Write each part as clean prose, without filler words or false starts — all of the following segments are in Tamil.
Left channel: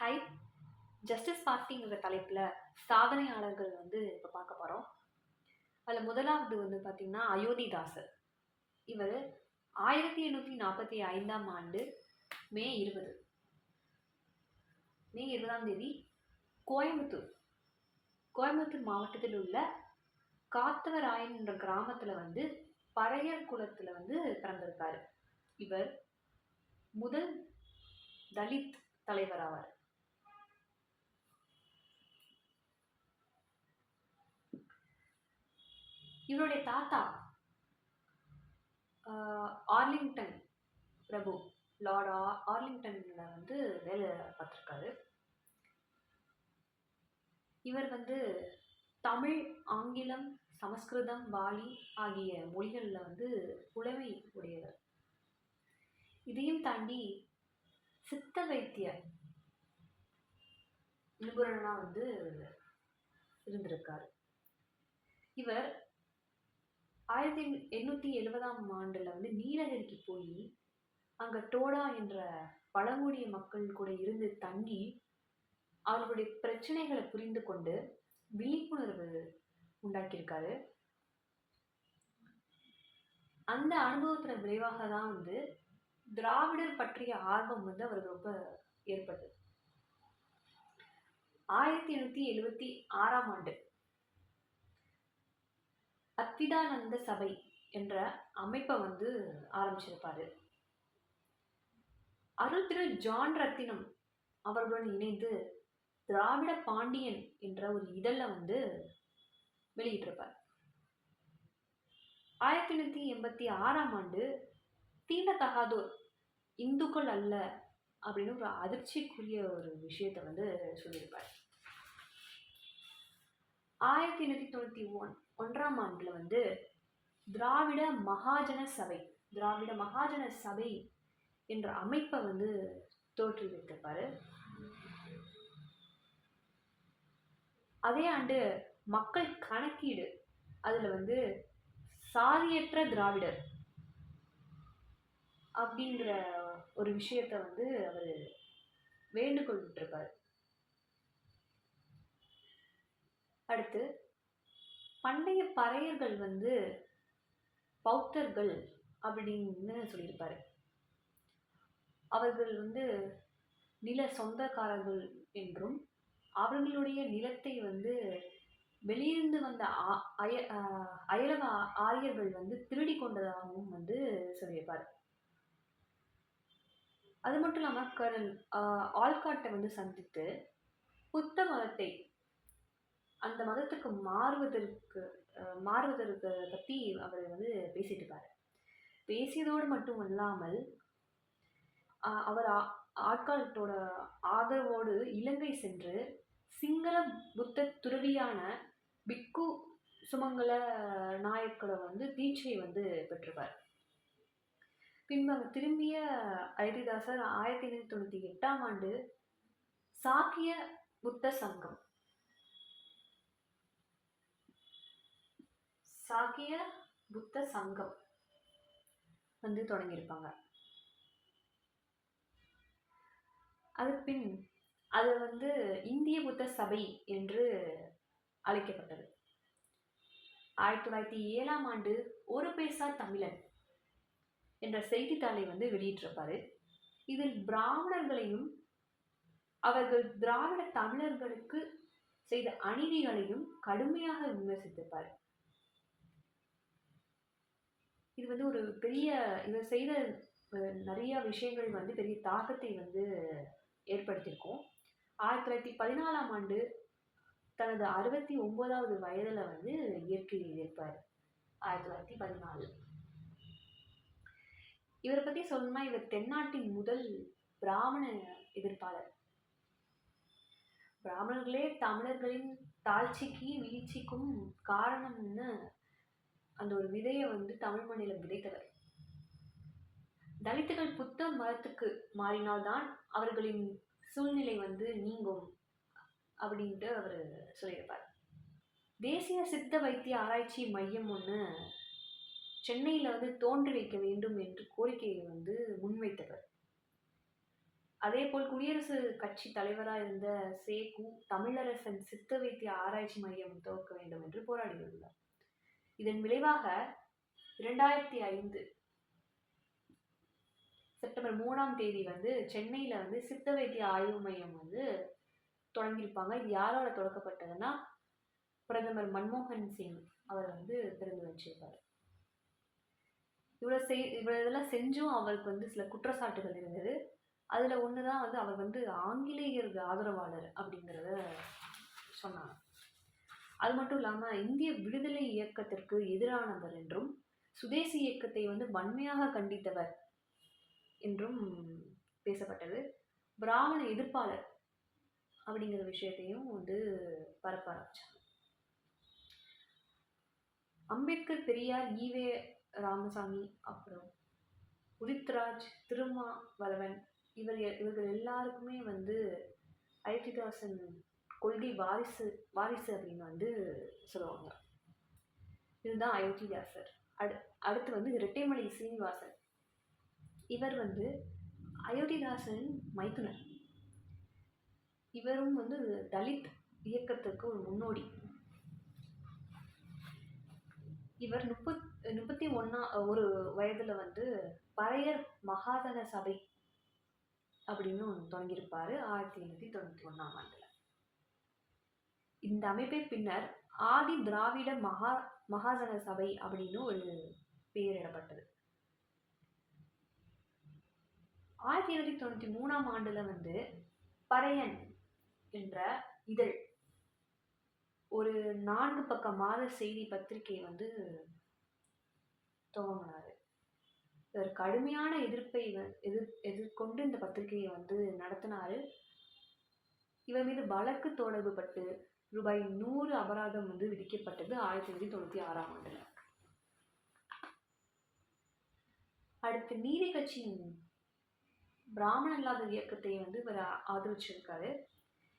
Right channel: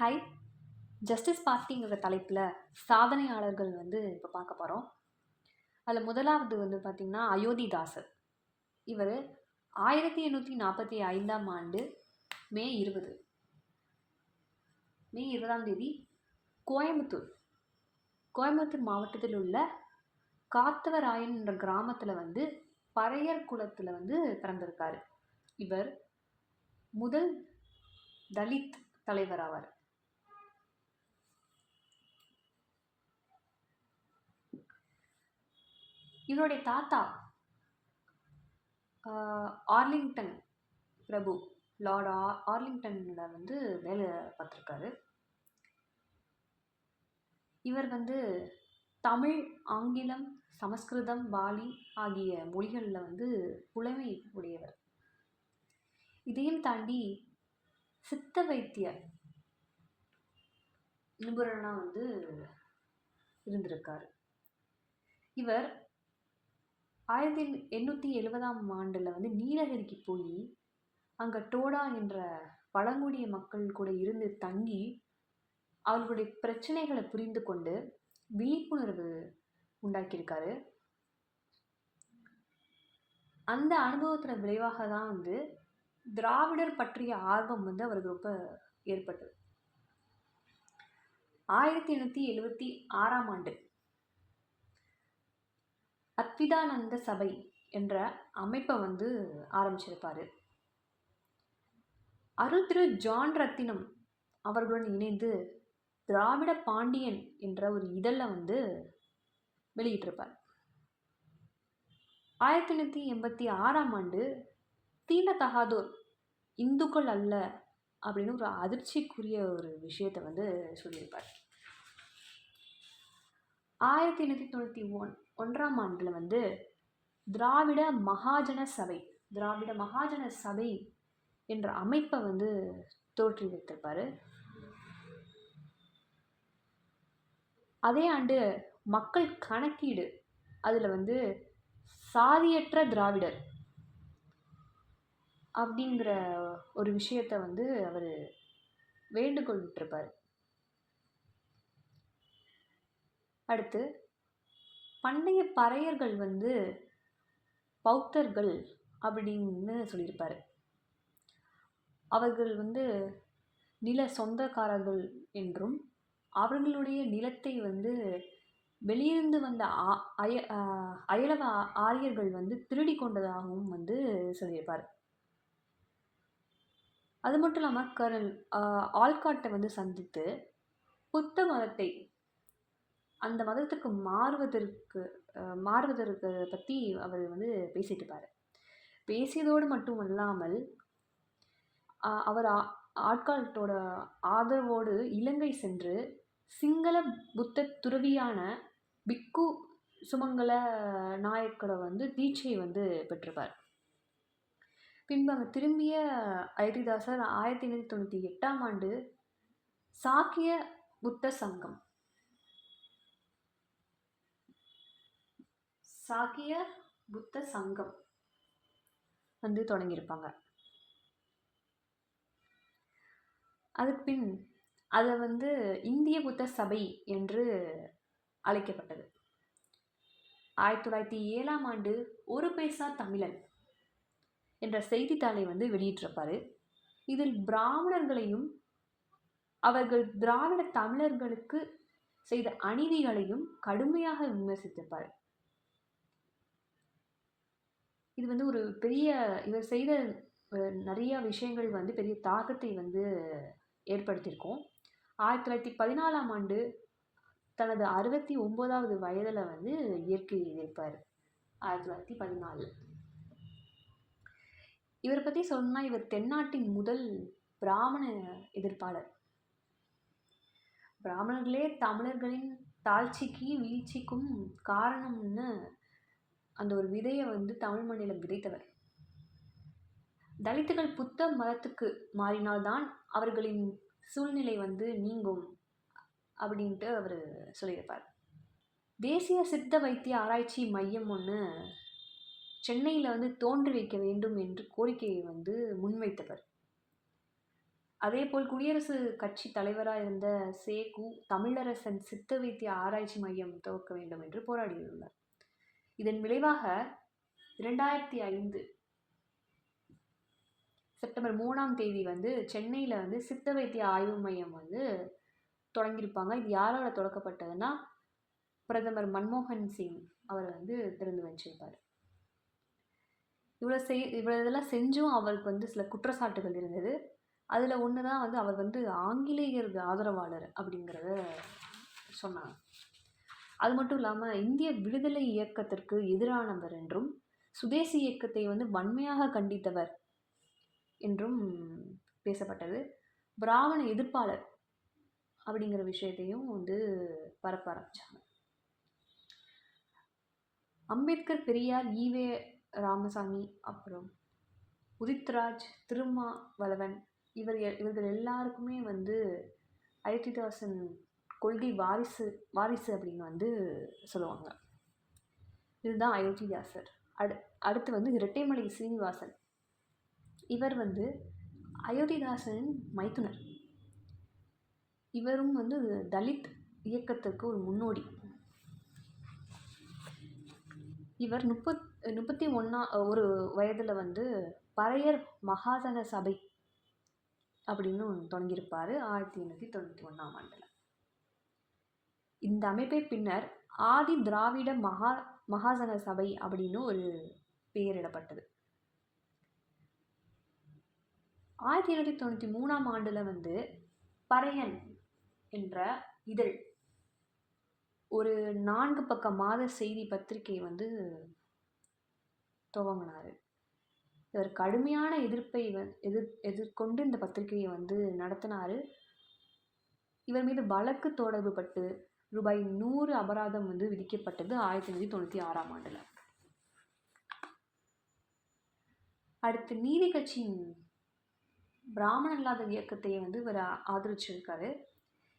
ஹை ஜஸ்டிஸ் பார்ட்டிங்கிற தலைப்பில் சாதனையாளர்கள் இப்போ பார்க்க போகிறோம். அதில் முதலாவது பார்த்திங்கன்னா அயோத்திதாசர். இவர் 1845ஆம் ஆண்டு மே 20ஆம் தேதி கோயம்புத்தூர் மாவட்டத்தில் உள்ள காத்தவராயன் என்ற கிராமத்தில் பறையர் குலத்தில் பிறந்திருக்காரு. இவர் முதல் தலித் தலைவர் ஆவார். இவருடைய தாத்தா ஆர்லிங்டன் பிரபு, லார்ட் ஆர்லிங்டனில் வேலை பார்த்துருக்காரு. இவர் தமிழ், ஆங்கிலம், சமஸ்கிருதம், பாலி ஆகிய மொழிகளில் புலமை உடையவர். இதையும் தாண்டி சித்த வைத்திய நிபுணனாக இருந்திருக்காரு. இவர் 1870ஆம் ஆண்டில் நீலகிரிக்கு போய் அங்கே டோடா என்ற பழங்குடிய மக்கள் கூட இருந்து தங்கி அவர்களுடைய பிரச்சனைகளை புரிந்து கொண்டு விழிப்புணர்வு உண்டாக்கியிருக்காரு. அந்த அனுபவத்தில் விளைவாக தான் திராவிடர் பற்றிய ஆர்வம் அவருக்கு ரொம்ப ஏற்பட்டது. 1876ஆம் ஆண்டு அத்விதானந்த சபை என்ற அமைப்பை ஆரம்பிச்சிருப்பாரு. அருள் திரு ஜான் ரத்தினம் அவர்களுடன் இணைந்து திராவிட பாண்டியன் என்ற ஒரு இதழில் வெளியிட்டிருப்பார். 1886ஆம் ஆண்டு தீண்டத்தகாதோர் இந்துக்கள் அல்ல அப்படின்னு ஒரு அதிர்ச்சிக்குரிய ஒரு விஷயத்தை சொல்லியிருப்பார். 1891ஆம் ஆண்டில் திராவிட மகாஜன சபை என்ற அமைப்பை தோற்றி வைத்திருப்பார். அதே ஆண்டு மக்கள் கணக்கீடு அதில் சாதியற்ற திராவிடர் அப்படிங்கிற ஒரு விஷயத்தை அவர் வேண்டுகோள் விட்டிருப்பார். அடுத்து பண்டைய பறையர்கள் பௌத்தர்கள் அப்படின்னு சொல்லியிருப்பார். அவர்கள் நில சொந்தக்காரர்கள் என்றும் அவர்களுடைய நிலத்தை வெளியிருந்து வந்த அயலவ ஆரியர்கள் திருடி கொண்டதாகவும் சொல்லியிருப்பார். அது மட்டும் இல்லாமல் கர்னல் ஆல்காட்டை சந்தித்து புத்த மதத்தை அந்த மதத்துக்கு மாறுவதற்கு பற்றி அவர் பேசிட்டுப்பார். பேசியதோடு மட்டும் இல்லாமல் அவர் ஆட்காட்டோட ஆதரவோடு இலங்கை சென்று சிங்கள புத்த துறவியான பிக்கு சுமங்கல நாயக்கோட தீட்சையை பெற்றிருப்பார். பின்பு அங்கே திரும்பிய அயோத்திதாசர் 1898ஆம் ஆண்டு சாக்கிய புத்த சங்கம் தொடங்கியிருப்பாங்க. அதுக்கு பின் அது இந்திய புத்த சபை என்று அழைக்கப்பட்டது. 1907ஆம் ஆண்டு ஒரு பைசா தமிழன் என்ற செய்தித்தாளை வெளியிட்டிருப்பாரு. இதில் பிராமணர்களையும் அவர்கள் திராவிட தமிழர்களுக்கு செய்த அநீதிகளையும் கடுமையாக விமர்சித்திருப்பார். இது ஒரு பெரிய இவர் செய்த நிறைய விஷயங்கள் பெரிய தாக்கத்தை ஏற்படுத்தியிருக்கோம். 1914ஆம் ஆண்டு தனது 69வது வயதில் இயற்கை எதிர்ப்பார். 1914 இவரை பற்றி சொன்னால் இவர் தென்னாட்டின் முதல் பிராமண எதிர்ப்பாளர். பிராமணர்களே தமிழர்களின் தாழ்ச்சிக்கு வீழ்ச்சிக்கும் காரணம்னு அந்த ஒரு விதையை தமிழ் மண்ணில் விதைத்தவர். தலித்துகள் புத்த மதத்துக்கு மாறினால்தான் அவர்களின் சூழ்நிலை நீங்கும் அப்படின்ட்டு அவர் சொல்லியிருப்பார். தேசிய சித்த வைத்திய ஆராய்ச்சி மையம் ஒன்று சென்னையில் தோன்றி வைக்க வேண்டும் என்று கோரிக்கையை முன்வைத்தவர். அதேபோல் குடியரசு கட்சி தலைவராக இருந்த சேகு தமிழரசன் சித்த வைத்திய ஆராய்ச்சி மையம் துவக்க வேண்டும் என்று போராடியுள்ளார். இதன் விளைவாக 2005 செப்டம்பர் 3ஆம் தேதி வந்து சென்னையில் வந்து சித்த வைத்திய ஆய்வு மையம் வந்து தொடங்கியிருப்பாங்க. இது யாரால தொடக்கப்பட்டதுன்னா பிரதமர் மன்மோகன் சிங் அவர் வந்து திறந்து வச்சிருப்பார். இவ்வளோ இதெல்லாம் செஞ்சும் அவருக்கு வந்து சில குற்றச்சாட்டுகள் இருந்தது. அதில் ஒன்று தான் வந்து அவர் வந்து ஆங்கிலேயர் ஆதரவாளர் அப்படிங்கிறத சொன்னாங்க. அது மட்டும் இல்லாமல் இந்திய விடுதலை இயக்கத்திற்கு எதிரானவர் என்றும் சுதேசி இயக்கத்தை வந்து வன்மையாக கண்டித்தவர் என்றும் பேசப்பட்டது. பிராமண எதிர்ப்பாளர் அப்படிங்கிற விஷயத்தையும் வந்து பரப்ப ஆரம்பிச்சாங்க. அம்பேத்கர், பெரியார், ஈவே ராமசாமி, அப்புறம் உதித்ராஜ், திருமாவளவன் இவர்கள் எல்லாருக்குமே வந்து அயோத்திதாசன் கொள்கை வாரிசு அப்படின்னு வந்து சொல்லுவாங்க. இதுதான் அயோத்திதாசர். அடுத்து வந்து இரட்டைமலை சீனிவாசன். இவர் வந்து அயோத்திதாசனின் மைத்துனர். இவரும் வந்து தலித் இயக்கத்திற்கு ஒரு முன்னோடி. இவர் 31 வயதில் வந்து பறையர் மகாஜன சபை அப்படின்னு தொடங்கியிருப்பார் 1891ஆம் ஆண்டில். இந்த அமைப்பை பின்னர் ஆதி திராவிட மகாஜன சபை அப்படின்னு ஒரு பெயரிடப்பட்டது. 1893ஆம் ஆண்டில் வந்து பறையன் என்ற இதழ் ஒரு 4 பக்க மாத செய்தி பத்திரிகை வந்து துவங்கினார். இவர் கடுமையான எதிர்ப்பை எதிர்கொண்டு இந்த பத்திரிகையை வந்து நடத்தினார். இவர் மீது வழக்கு தொடர்பு பட்டு ரூபாய் 100 அபராதம் வந்து விதிக்கப்பட்டது 1896ஆம் ஆண்டில். அடுத்து நீதி கட்சியின் பிராமண அல்லாத இயக்கத்தை வந்து இவர் ஆதரிச்சிருக்காரு.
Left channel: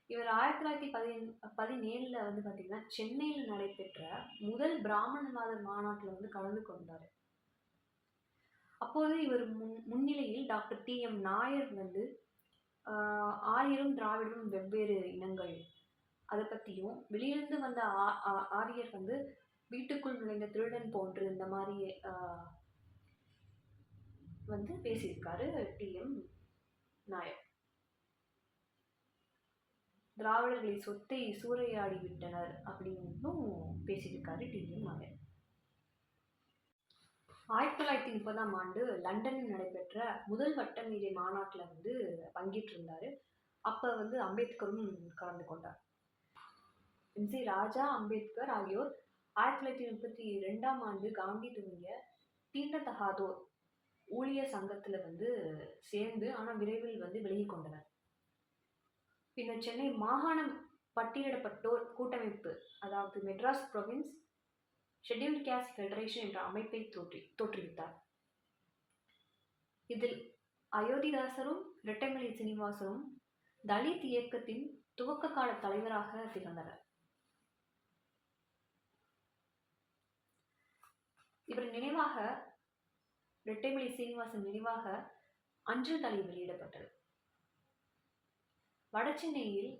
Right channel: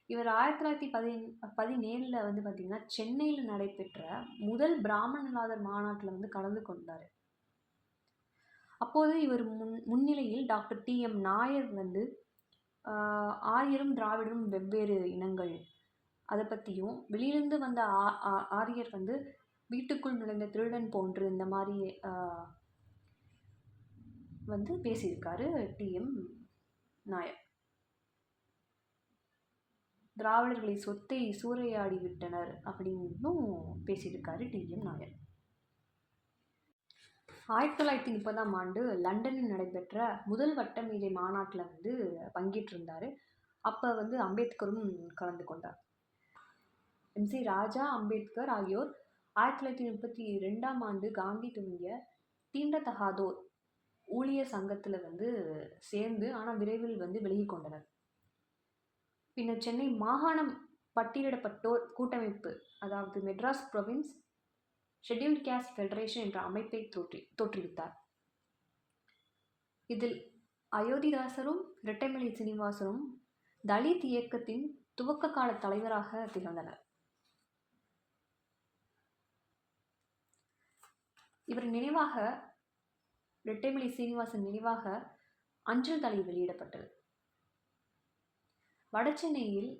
இவர் 1917 வந்து பார்த்தீங்கன்னா சென்னையில் நடைபெற்ற முதல் பிராமண அல்லாதர் மாநாட்டில் வந்து கலந்து கொண்டார். அப்போது இவர் முன்னிலையில் டாக்டர் TM நாயர் வந்து ஆரியரும் திராவிடரும் வெவ்வேறு இனங்கள் அதை பற்றியும், வெளியிலிருந்து வந்த ஆரியர் வந்து வீட்டுக்குள் நுழைந்த திருடன் போன்று இந்த மாதிரி வந்து பேசியிருக்காரு TM நாயர். திராவிடர்களை சொத்தை சூறையாடி விட்டனர் அப்படின்னும் பேசியிருக்காரு TM நாயர். 1930ஆம் ஆண்டு லண்டனில் நடைபெற்ற முதல் வட்டமேஜை மாநாட்டில் வந்து பங்கேற்றிருந்தார். அப்போ வந்து அம்பேத்கரும் கலந்து கொண்டார். MC ராஜா, அம்பேத்கர் ஆகியோர் 1932ஆம் ஆண்டு காந்தி துவங்கிய தீண்டத்தகாதோர் ஊழியர் சங்கத்தில் வந்து சேர்ந்து ஆனால் விரைவில் வந்து விலகி கொண்டனர். பின்னர் சென்னை மாகாணம் பட்டியலிடப்பட்டோர் கூட்டமைப்பு, அதாவது Madras province scheduled caste federation என்ற அமைப்பை தோற்றுவித்தார். இதில் அயோத்திதாசரும் இரட்டைமலை சீனிவாசனும் தலித் இயக்கத்தின் துவக்க கால தலைவராக திகழ்ந்தனர். இவர் நினைவாக, இரட்டைமலை சீனிவாசன் நினைவாக அஞ்சல் தலை வெளியிடப்பட்டது. வடசென்னையில்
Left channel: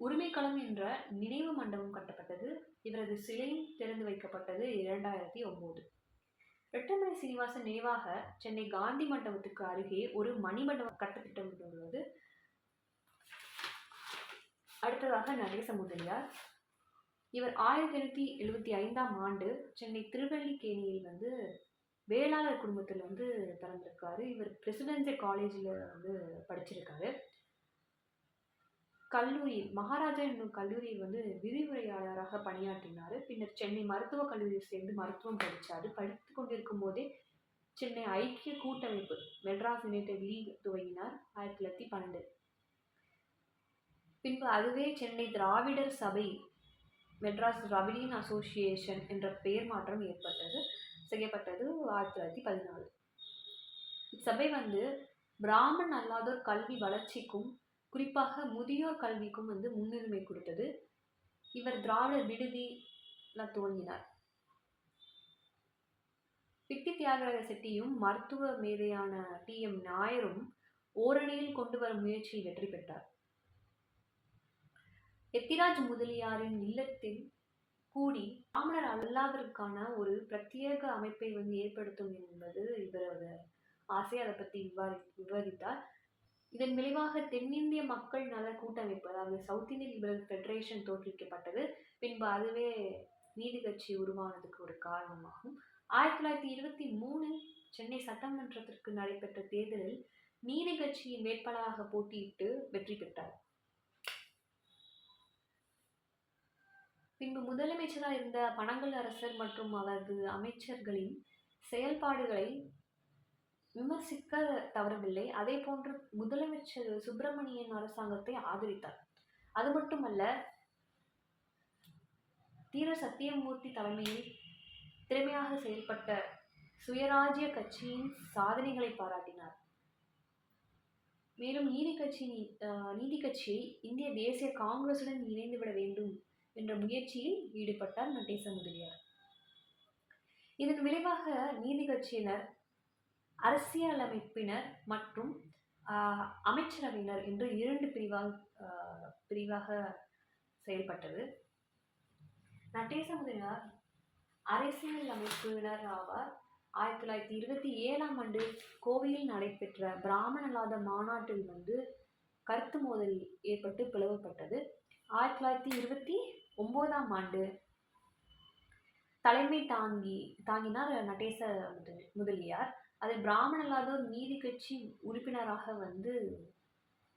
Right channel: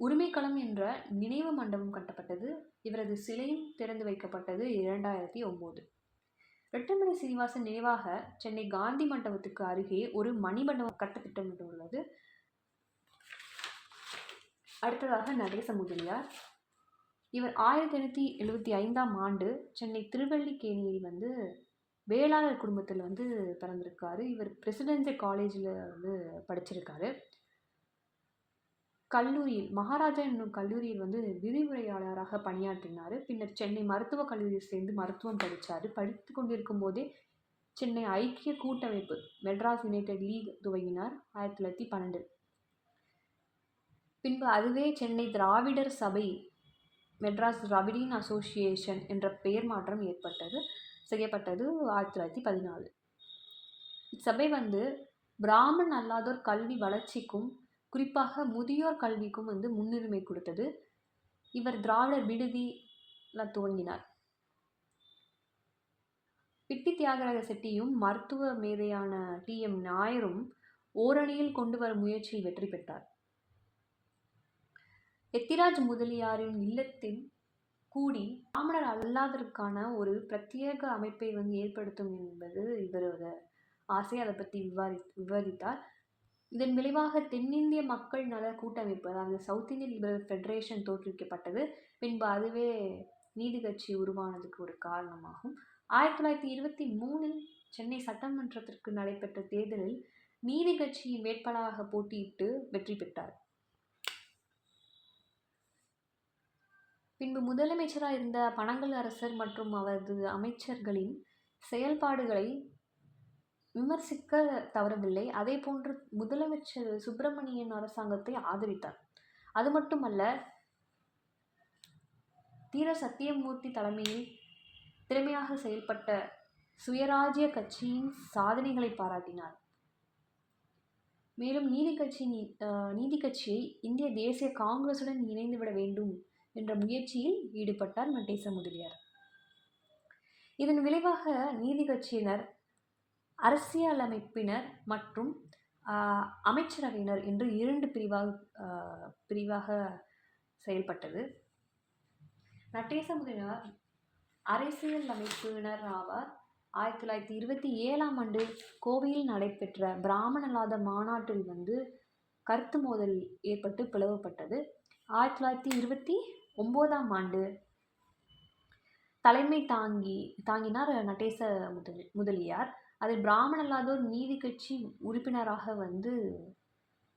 உரிமைக்களம் என்ற நினைவு மண்டபம் கட்டப்பட்டது. இவரது சிலையும் திறந்து வைக்கப்பட்டது 2009. இரட்டைமலை சீனிவாசன் நினைவாக சென்னை காந்தி மண்டபத்துக்கு அருகே ஒரு மணிமண்டபம் கட்ட திட்டமிட்டுள்ளது. அடுத்ததாக நடேச முதலியார். இவர் 1875ஆம் ஆண்டு சென்னை திருவல்லிக்கேணியில் வந்து வேளாளர் குடும்பத்தில் வந்து பிறந்திருக்காரு. இவர் பிரசிடென்சி காலேஜில் வந்து படிச்சிருக்காரு. கல்லூரியில், மகாராஜா என்னும் கல்லூரியில் வந்து விரிவுரையாளராக பணியாற்றினார். பின்னர் சென்னை மருத்துவக் கல்லூரியில் சேர்ந்து மருத்துவம் படித்தார். படித்து கொண்டிருக்கும் போதே சென்னை ஐக்கிய கூட்டமைப்பு மெட்ராஸ் யுனைடெட் லீக் துவங்கினார் 1912. பின்பு அதுவே சென்னை திராவிடர் சபை மெட்ராஸ் திராவிடியன் அசோசியேஷன் என்ற பெயர் மாற்றம் செய்யப்பட்டது 1914. இச்சபை வந்து பிராமண் அல்லாதோர் கல்வி வளர்ச்சிக்கும் குறிப்பாக முதியோர் கல்விக்கும் வந்து முன்னுரிமை கொடுத்தது. இவர் திராவிடர் விடுதி துவங்கினார். பிட்டி தியாகராஜ செட்டியும் மருத்துவ மேதையான TM நாயரும் ஓரணியில் கொண்டு வரும் முயற்சியில் வெற்றி பெற்றார். எத்திராஜ் முதலியாரின் இல்லத்தில் கூடி பிராமணர் அல்லாததற்கான ஒரு பிரத்யேக அமைப்பை ஏற்படுத்தும் என்பது இவரோட ஆசை. அதை பற்றி விவாதித்தார். இதன் விளைவாக தென்னிந்திய மக்கள் நல கூட்டமைப்பு, அதாவது சவுத் இந்தியன் லிபரல் ஃபெடரேஷன் தோற்றுவிக்கப்பட்டது. பின்பு அதுவே நீதி கட்சி உருவானதுக்கு ஒரு காரணமாகும். 1923 சென்னை சட்டமன்றத்திற்கு நடைபெற்ற தேர்தலில் நீதி கட்சியின் வேட்பாளராக போட்டியிட்டு வெற்றி பெற்றார். பின்பு முதலமைச்சராக இருந்த பனங்கல் அரசர் மற்றும் அவரது அமைச்சர்களின் செயல்பாடுகளை விமர்சிக்க தவறவில்லை. அதே போன்று முதலமைச்சர் சுப்பிரமணியன் அரசாங்கத்தை ஆதரித்தார். அது மட்டுமல்ல, தீர சத்தியமூர்த்தி தலைமையில் திறமையாக செயல்பட்ட சுயராஜ்ய கட்சியின் சாதனைகளை பாராட்டினார். மேலும் நீதி கட்சியை இந்திய தேசிய காங்கிரசுடன் இணைந்துவிட வேண்டும் என்ற முயற்சியில் ஈடுபட்டார் நடேச முதலியார். இதன் விளைவாக நீதி கட்சியினர் அரசியலமைப்பினர் மற்றும் அமைச்சரவையினர் என்று 2 பிரிவாக செயல்பட்டது. நடேச முதலியார் அரசியல் அமைப்பினர் ஆவார். 1927ஆம் ஆண்டு கோவையில் நடைபெற்ற பிராமணலாத மாநாட்டில் கருத்து மோதல் ஏற்பட்டு பிளவுபட்டது. 1929ஆம் ஆண்டு தலைமை தாங்கினார் நடேச முதலியார். அதில் பிராமணலாதோர் நீதி கட்சி உறுப்பினராக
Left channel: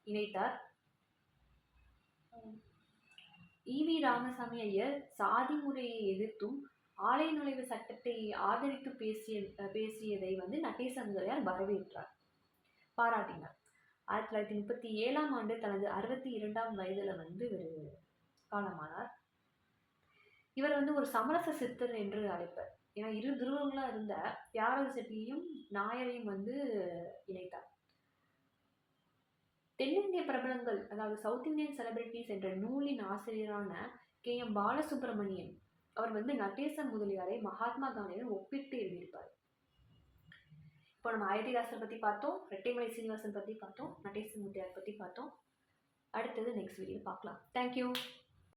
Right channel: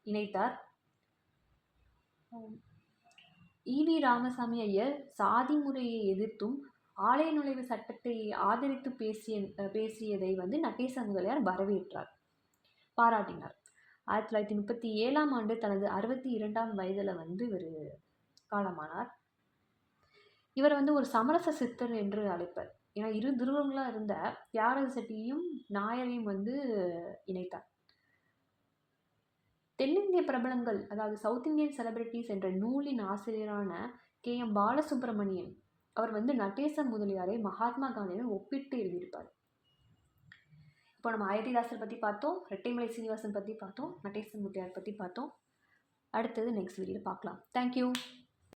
இணைத்தார். ஈவி ராமசாமி ஐயர் சாதி முறையை எதிர்த்தும் ஆலய நுழைவு சட்டத்தை ஆதரித்து பேசியதை நடேச முதலியார் வரவேற்றார், பாராட்டினார். 1937ஆம் ஆண்டு தனது 62ஆம் வயதில் இவர் காலமானார். இவர் ஒரு சமரச சித்தர் என்று அழைப்பர். ஏன்னா 2 துருவங்களாக இருந்த தியாகராஜ செட்டியையும் நாயரையும் இணைத்தார். தென்னிந்திய பிரபலங்கள், அதாவது சவுத் இந்தியன் செலிபிரிட்டிஸ் என்ற நூலின் ஆசிரியரான KM பாலசுப்ரமணியன் அவர் நடேச முதலியாரை மகாத்மா காந்தியுடன் ஒப்பிட்டு எழுதியிருப்பார். இப்போ நம்ம அயோத்திதாசர் பற்றி பார்த்தோம், ரெட்டைமலை சீனிவாசன் பற்றி பார்த்தோம், நடேச முதலியார் பற்றி பார்த்தோம். அடுத்தது நெக்ஸ்ட் வீடியோவில் பார்க்கலாம். தேங்க்யூ.